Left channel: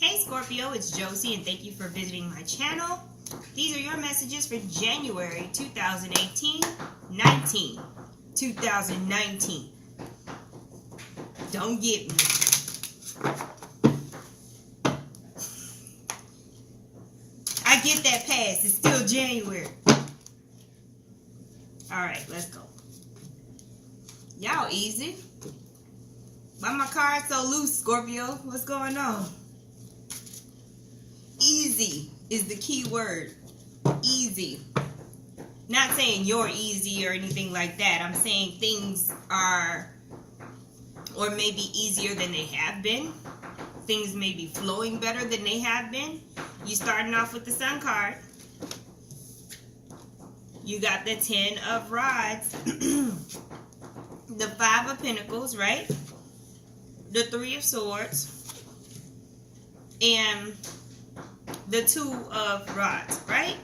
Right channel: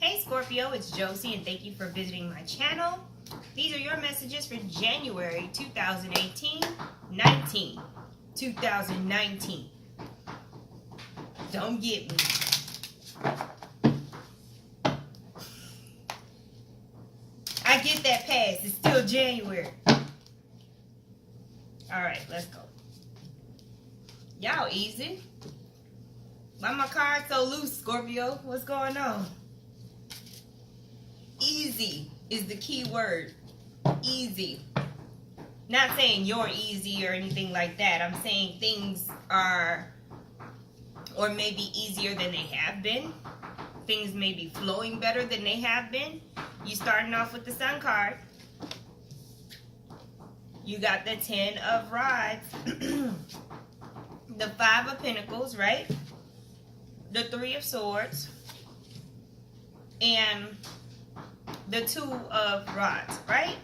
Hey Scorpio, it's Josie and thank you for visiting my channel. These are your messages for January 2018, 2019. Don't get me. I get that pass. It's still January. Alright, let's go. Y'all easy. Why my card so loose, Scorpio? What's going on? Easy is the key word. Easy. Not saying you're easy or anything like that. I'm saying things are, or maybe easier than they have been. Things may be flowing better than they have been. You starting off with the Sun card. You got the 10 of Rods. The 5 of Pentacles, right? The 3 of Swords. And the 2 of Rods, right?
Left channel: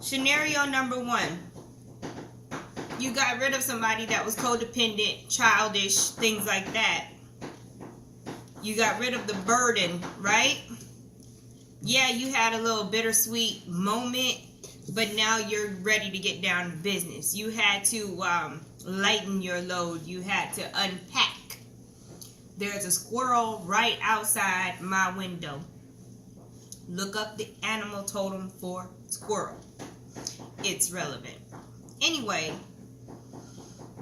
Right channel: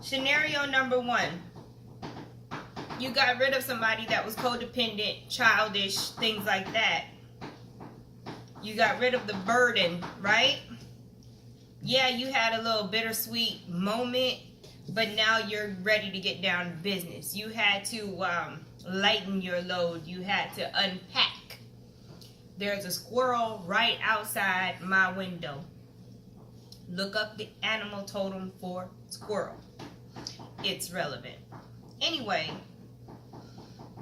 Scenario number 1. You got rid of somebody that was codependent, childish, things like that. You got rid of the burden, right? Yeah, you had a little bittersweet moment, but now you're ready to get down to business. You had to lighten your load. You had to unpack. There's a squirrel right outside my window. Look up the animal totem for squirrel. It's relevant. Anyway,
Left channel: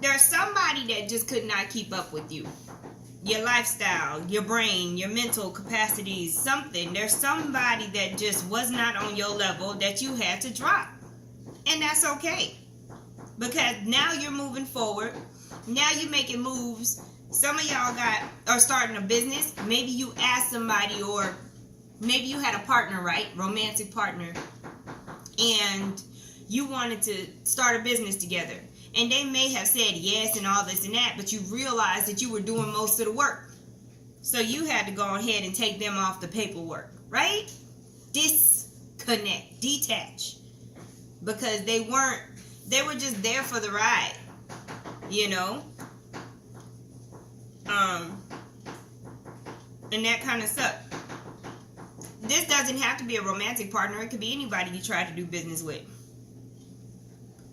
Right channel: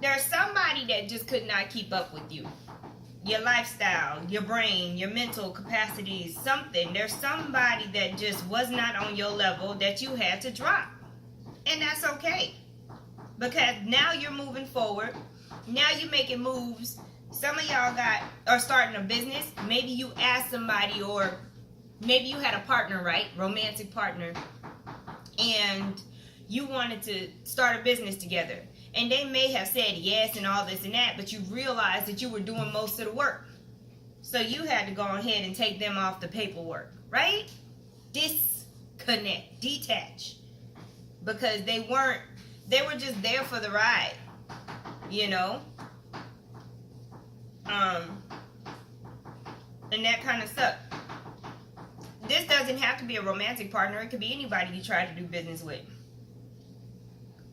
there's somebody that just could not keep up with you. Your lifestyle, your brain, your mental capacities, something. There's somebody that just was not on your level that you had to drop. And that's okay. Because now you're moving forward. Now you're making moves. Some of y'all are starting a business. Maybe you asked somebody, or maybe you had a partner, right? Romantic partner. And you wanted to start a business together. And they may have said yes and all this and that, but you realized that you were doing most of the work. So you had to go ahead and take them off the paperwork, right? Disconnect, detach. Because they were just there for the ride, you know? And that kind of sucked. This doesn't have to be a romantic partner. It could be anybody you try to do business with.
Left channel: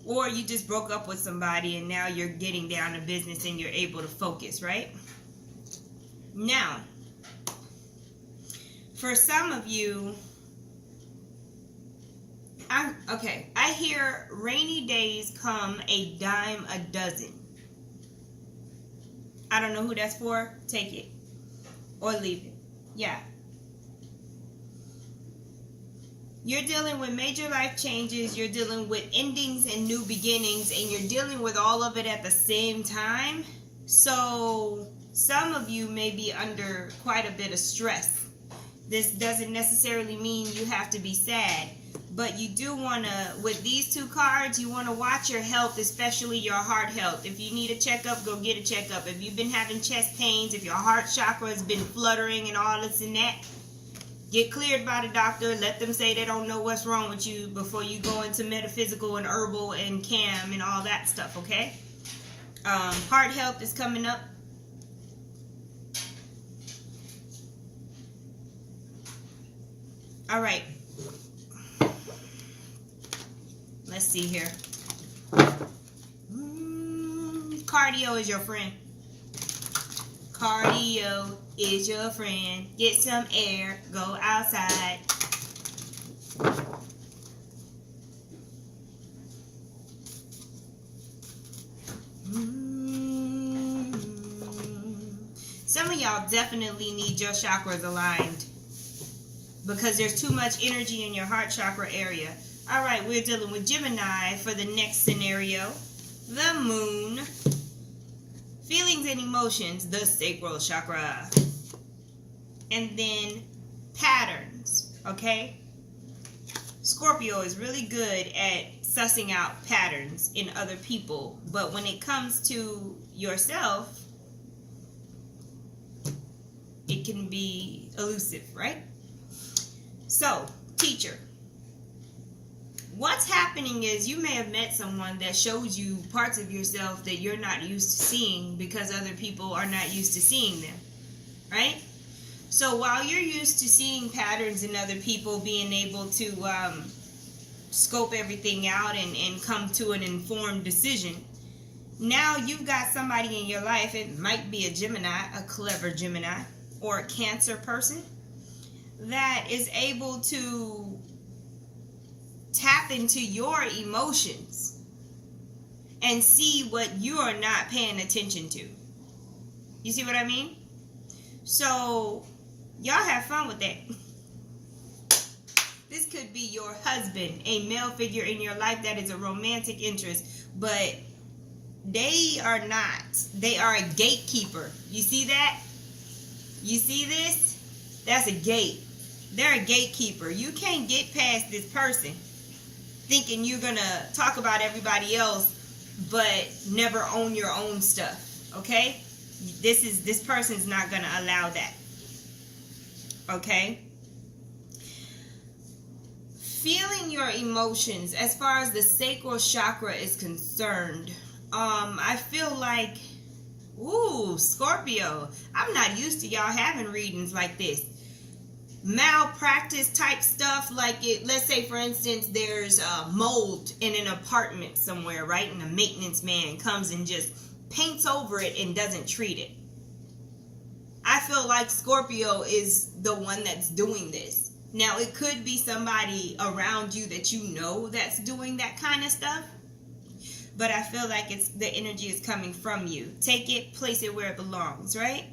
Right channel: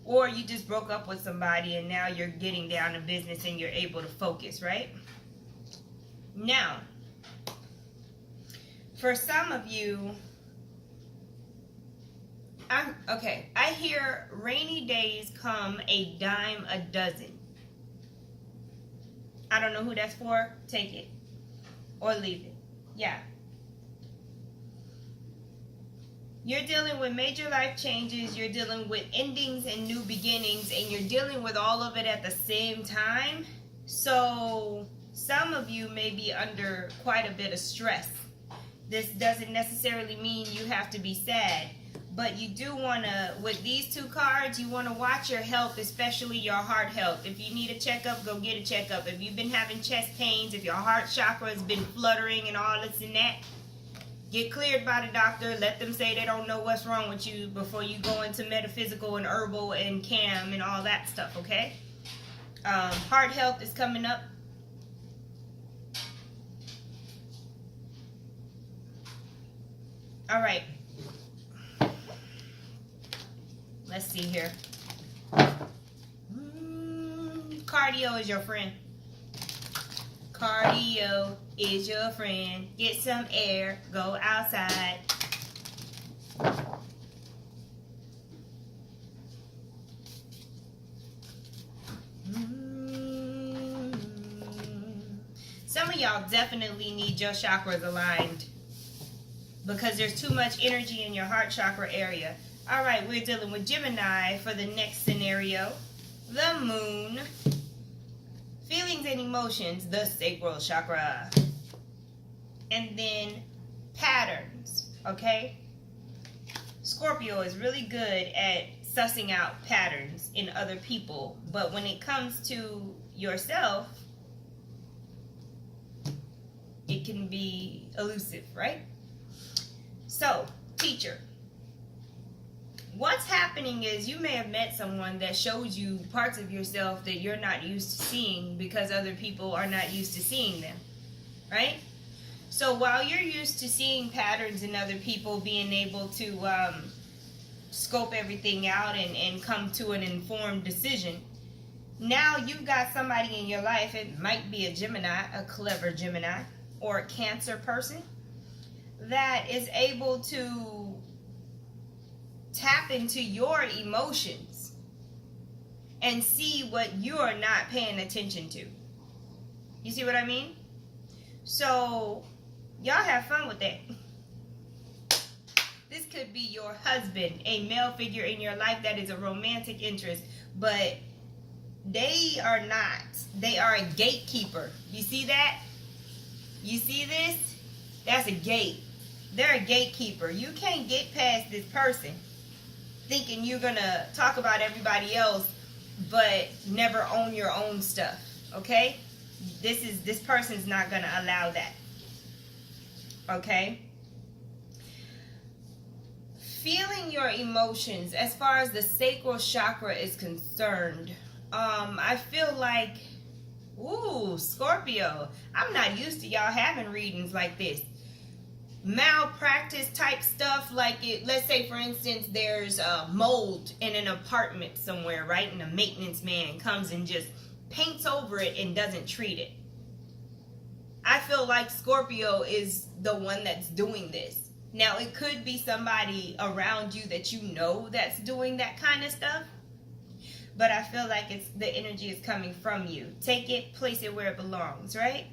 Or you just broke up with somebody and now you're getting down to business and you're able to focus, right? Now, for some of you, I hear rainy days come a dime a dozen. I don't know who that's for. Take it or leave it. Yeah. You're dealing with major life changes, you're dealing with endings and new beginnings, and you're dealing with all of it at the same time. So some of you may be under quite a bit of stress. This doesn't necessarily mean you have to be sad, but you do want to, with these 2 cards, you want to watch your health, especially your heart health. If you need a checkup, go get a checkup. If you've been having chest pains, if your heart chakra has been fluttering and all this and that, get cleared by the doctor. Let them say they don't know what's wrong with you before you go into metaphysical and herbal and cam and all that stuff, okay? Heart health is coming up. All right. Let's see here. Cardio is your friend. Cardio is your friend. Get some air. Go outside. Some of y'all definitely need your chakras aligned because there's too much energy in your heart chakra area. All right, we're dealing with Gemini for the next scenario. The moon. Feelings and emotions, the sacral chakra. And then patterns, okay? Scorpio is really good at sussing out patterns in other people, but when it comes to yourself, it can be elusive, right? So, teacher. What's happening is you may have met someone that shows you parts of yourself that you're not used to seeing because other people are not used to seeing them, right? So while you're used to seeing patterns in other people, being able to scope everything out and come to an informed decision, now you've got somebody in your life. It might be a Gemini, a clever Gemini, or a Cancer person that is able to tap into your emotions and see what you are not paying attention to. You see what I mean? So y'all have fun with that. This could be your husband, a male figure in your life that is a romantic interest, but they are not. They are a gatekeeper. You see that? You see this? That's a gate. They're a gatekeeper. You can't get past this person thinking you're going to talk about everybody else but never own your own stuff. Okay? This person's not going to allow that. Okay? Feeling your emotions as far as the sacral chakra is concerned. I feel like, ooh, Scorpio, I'm not used to y'all having readings like this. Malpractice type stuff, like let's say for instance there's mold in an apartment somewhere, right? And a maintenance man comes and just paints over it and doesn't treat it. I feel like Scorpio is the one that's doing this. Now, it could be somebody around you that you know that's doing that kind of stuff, but I feel like the energy is coming from you. Take it, place it where it belongs, right?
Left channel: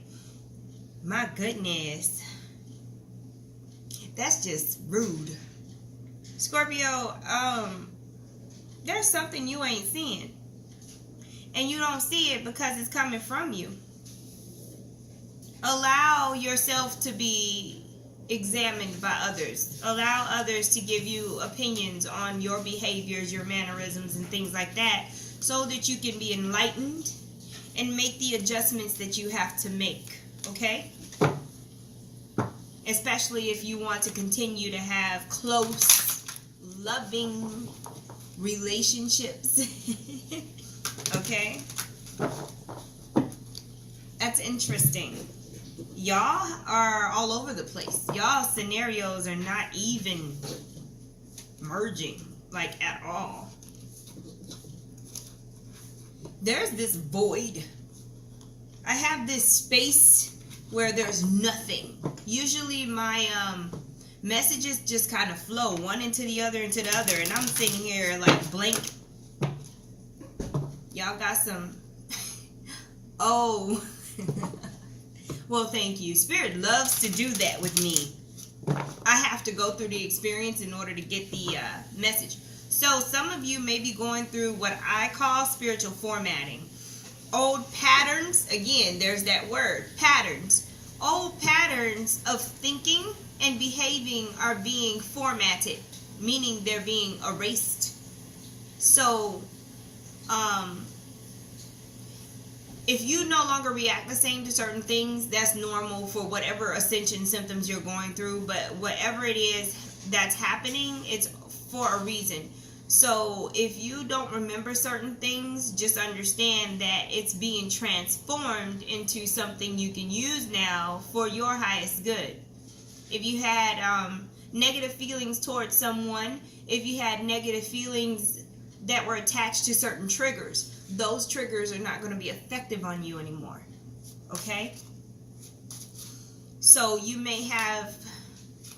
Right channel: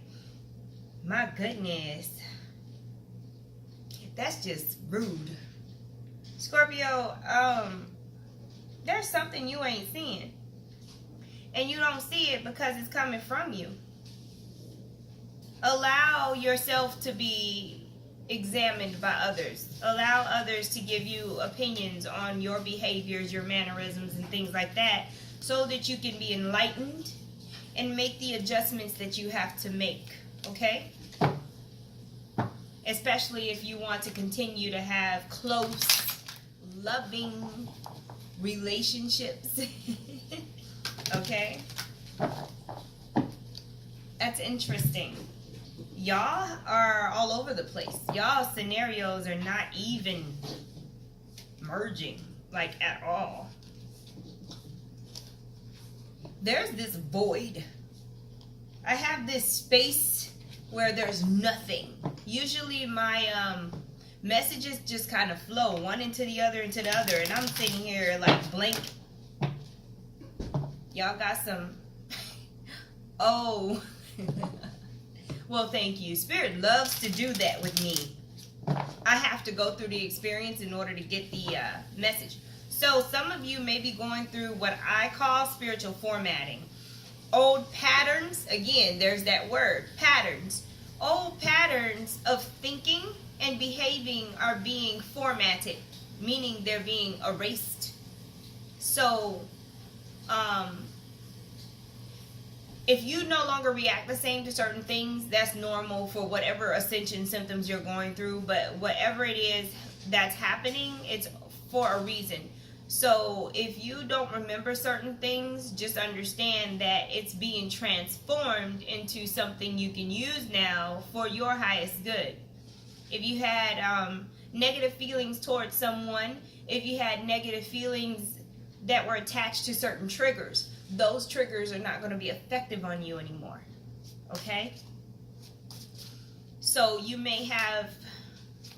My goodness. That's just rude. Scorpio, there's something you ain't seeing. And you don't see it because it's coming from you. Allow yourself to be examined by others. Allow others to give you opinions on your behaviors, your mannerisms, and things like that, so that you can be enlightened and make the adjustments that you have to make, okay? Especially if you want to continue to have close, loving relationships. Okay? That's interesting. Y'all are all over the place. Y'all scenarios are not even merging, like, at all. There's this void. I have this space where there's nothing. Usually my messages just kind of flow one into the other, and I'm sitting here like blank. Y'all got some oh. Well, thank you. Spirit loves to do that with me. I have to go through the experience in order to get the message. So some of you may be going through what I call spiritual formatting. Old patterns, again, there's that word, patterns. Old patterns of thinking and behaving are being formatted, meaning they're being erased. So, if you no longer react the same to certain things, that's normal for whatever ascension symptoms you're going through. But whatever it is that's happening, it's for a reason. So if you don't remember certain things, just understand that it's being transformed into something you can use now for your highest good. If you had negative feelings towards someone, if you had negative feelings that were attached to certain triggers, those triggers are not going to be effective on you anymore. Okay? So you may have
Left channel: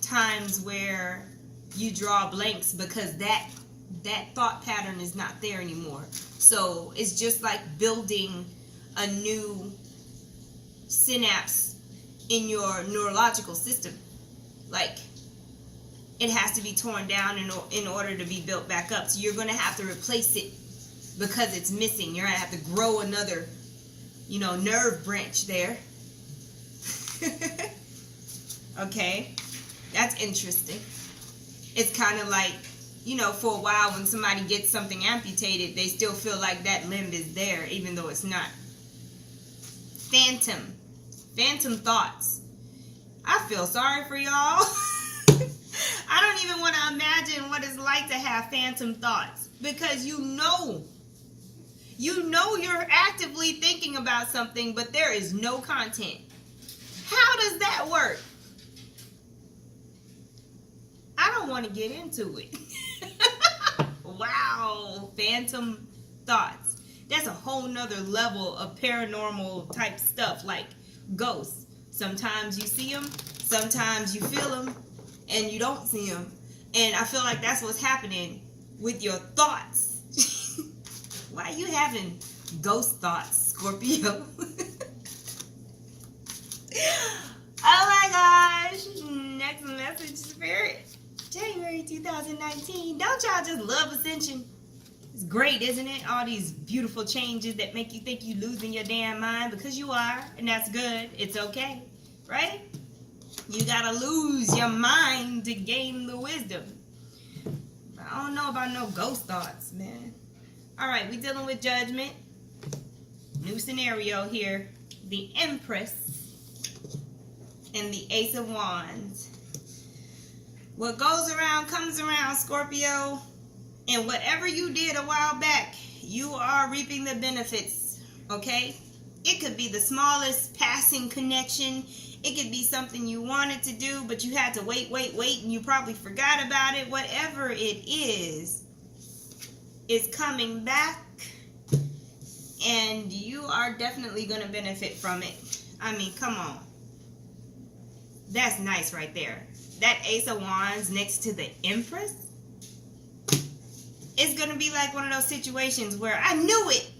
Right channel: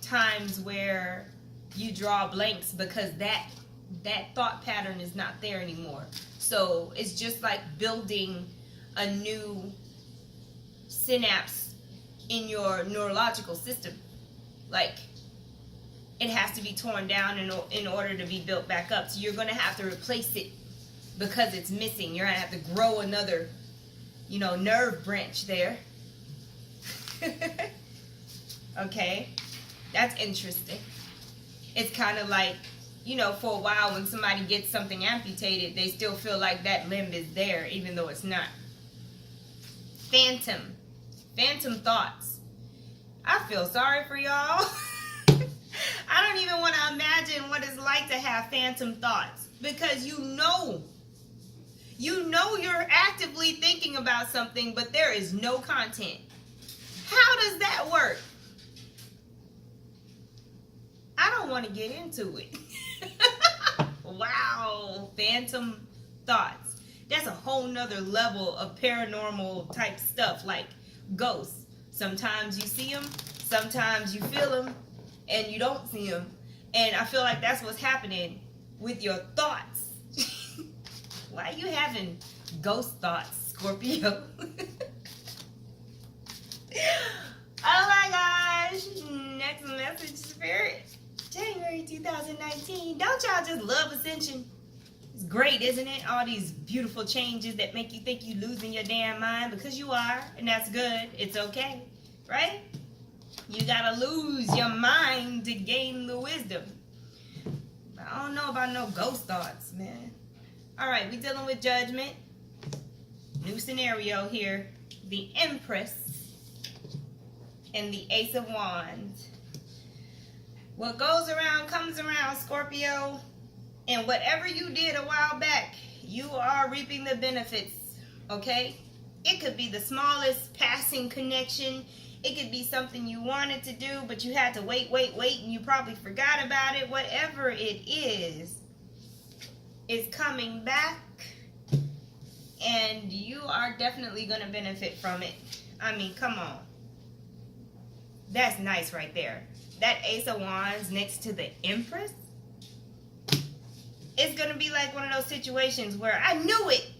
times where you draw blanks because that thought pattern is not there anymore. So it's just like building a new synapse in your neurological system. Like, it has to be torn down in order to be built back up. So you're going to have to replace it because it's missing. You're going to have to grow another, nerve branch there. Okay? That's interesting. It's kind of like, for a while when somebody gets something amputated, they still feel like that limb is there, even though it's not. Phantom thoughts. I feel sorry for y'all. I don't even want to imagine what it's like to have phantom thoughts, because you're actively thinking about something, but there is no content. How does that work? I don't want to get into it. Wow, phantom thoughts. That's a whole nother level of paranormal type stuff, like ghosts. Sometimes you see them, sometimes you feel them, and you don't see them. And I feel like that's what's happening with your thoughts. Why are you having ghost thoughts, Scorpio? Oh my gosh. Next message, Spirit. January 2019. Don't y'all just love Ascension? It's great, isn't it? All these beautiful changes that make you think you're losing your damn mind, because you are, and that's good. It's okay, right? You gotta lose your mind to gain the wisdom. I don't know about no ghost thoughts, man. All right, we dealing with Judgment. New scenario here. The Empress and the Ace of Wands. What goes around comes around, Scorpio. And whatever you did a while back, you are reaping the benefits, okay? It could be the smallest passing connection. It could be something you wanted to do, but you had to wait, and you probably forgot about it. Whatever it is coming back, and you are definitely going to benefit from it. I mean, come on. That's nice right there. That Ace of Wands next to the Empress, it's going to be like one of those situations where I knew it.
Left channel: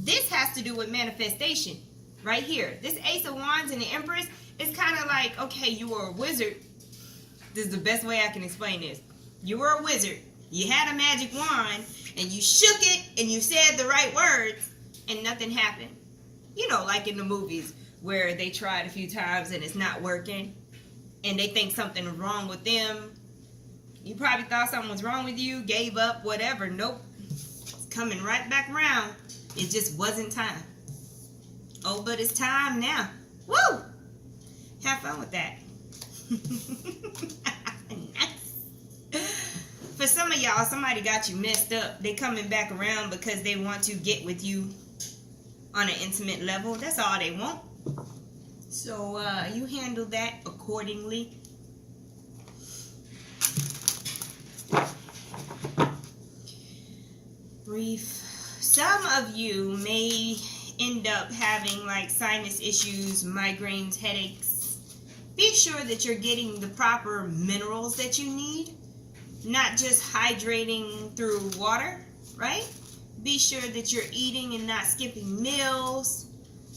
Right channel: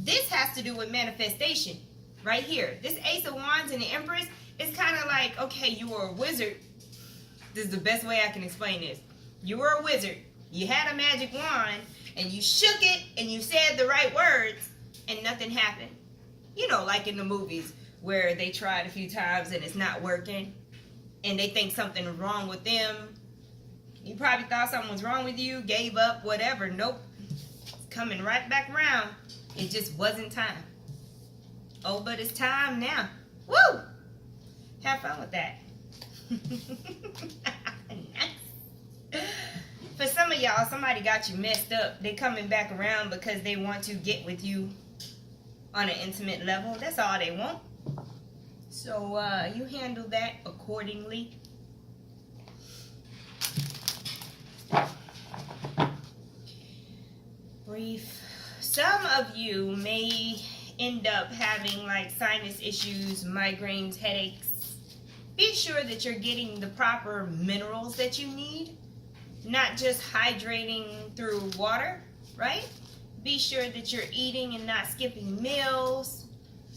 This has to do with manifestation right here. This Ace of Wands and the Empress, it's kind of like, okay, you were a wizard. This is the best way I can explain this. You were a wizard. You had a magic wand, and you shook it, and you said the right words, and nothing happened. You know, like in the movies where they tried a few times and it's not working, and they think something's wrong with them. You probably thought something was wrong with you, gave up, whatever. Nope. It's coming right back around. It just wasn't time. Oh, but it's time now. Woo! Have fun with that. Nice. For some of y'all, somebody got you messed up. They coming back around because they want to get with you on an intimate level. That's all they want. So you handle that accordingly. Brief. Some of you may end up having like sinus issues, migraines, headaches. Be sure that you're getting the proper minerals that you need, not just hydrating through water, right? Be sure that you're eating and not skipping meals,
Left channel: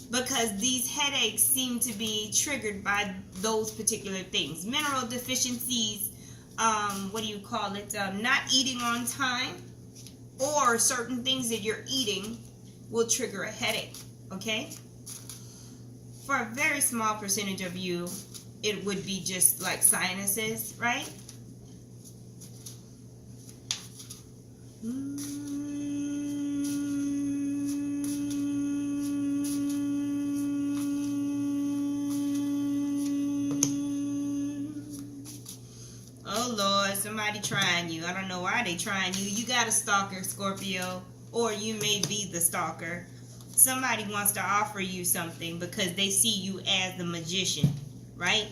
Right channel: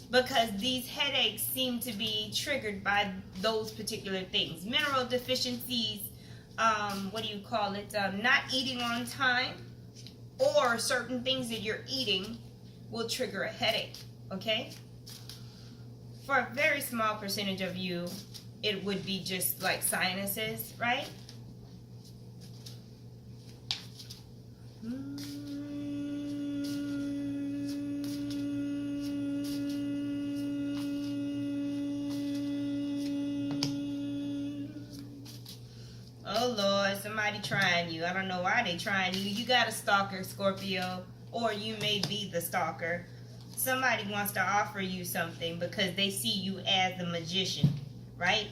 because these headaches seem to be triggered by those particular things. Mineral deficiencies, not eating on time, or certain things that you're eating will trigger a headache, okay? For a very small percentage of you, it would be just like sinuses, right? Oh Lord, somebody trying you. I don't know why they trying you. You got a stalker, Scorpio, or you may be the stalker. Somebody wants to offer you something because they see you as the magician, right?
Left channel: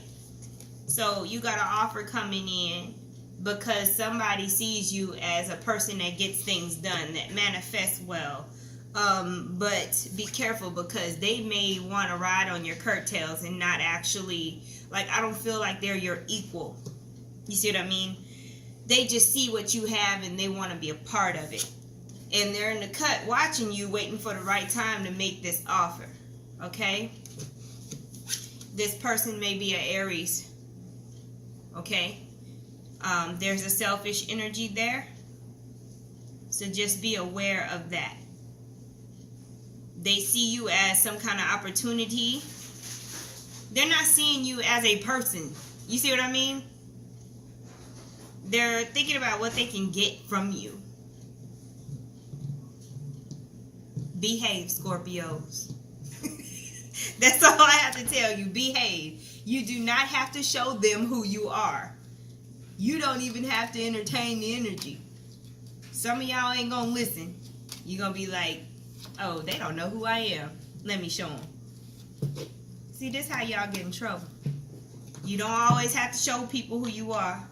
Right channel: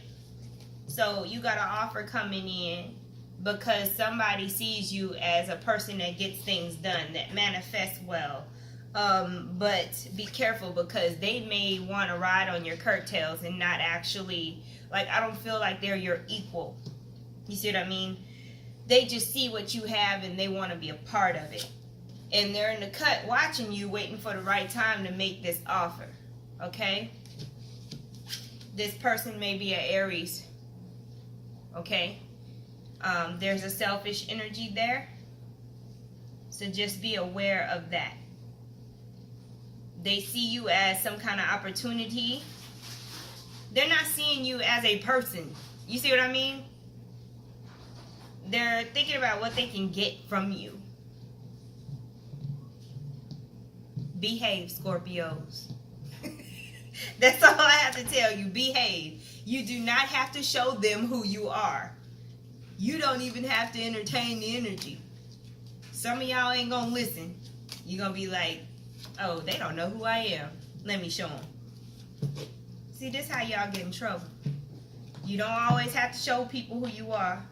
So you got an offer coming in because somebody sees you as a person that gets things done, that manifests well. But be careful, because they may want to ride on your coattails and not actually, like, I don't feel like they're your equal. You see what I mean? They just see what you have and they want to be a part of it. And they're in the cut watching you, waiting for the right time to make this offer. Okay? This person may be an Aries. Okay? There's a selfish energy there. So just be aware of that. They see you as some kind of opportunity. They're not seeing you as a person. You see what I mean? They're thinking about what they can get from you. Behave, Scorpios. That's all I have to tell you. Behave. You do not have to show them who you are. You don't even have to entertain the energy. Some of y'all ain't gonna listen. You're gonna be like, oh, they don't know who I am. Let me show them. See, this is how y'all get in trouble. You don't always have to show people who you are.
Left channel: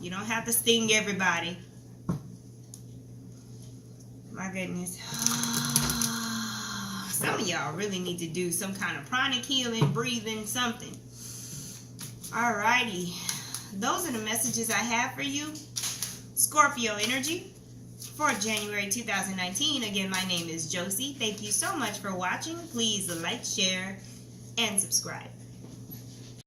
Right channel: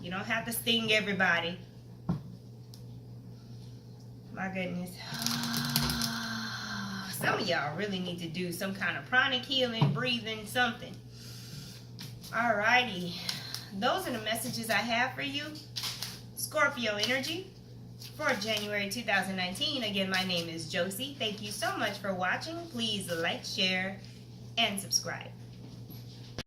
You don't have to sting everybody. My goodness. Some of y'all really need to do some kind of pranic healing, breathing, something. Alrighty. Those are the messages I have for you. Scorpio energy for January 2019. Again, my name is Josie. Thank you so much for watching. Please like, share, and subscribe.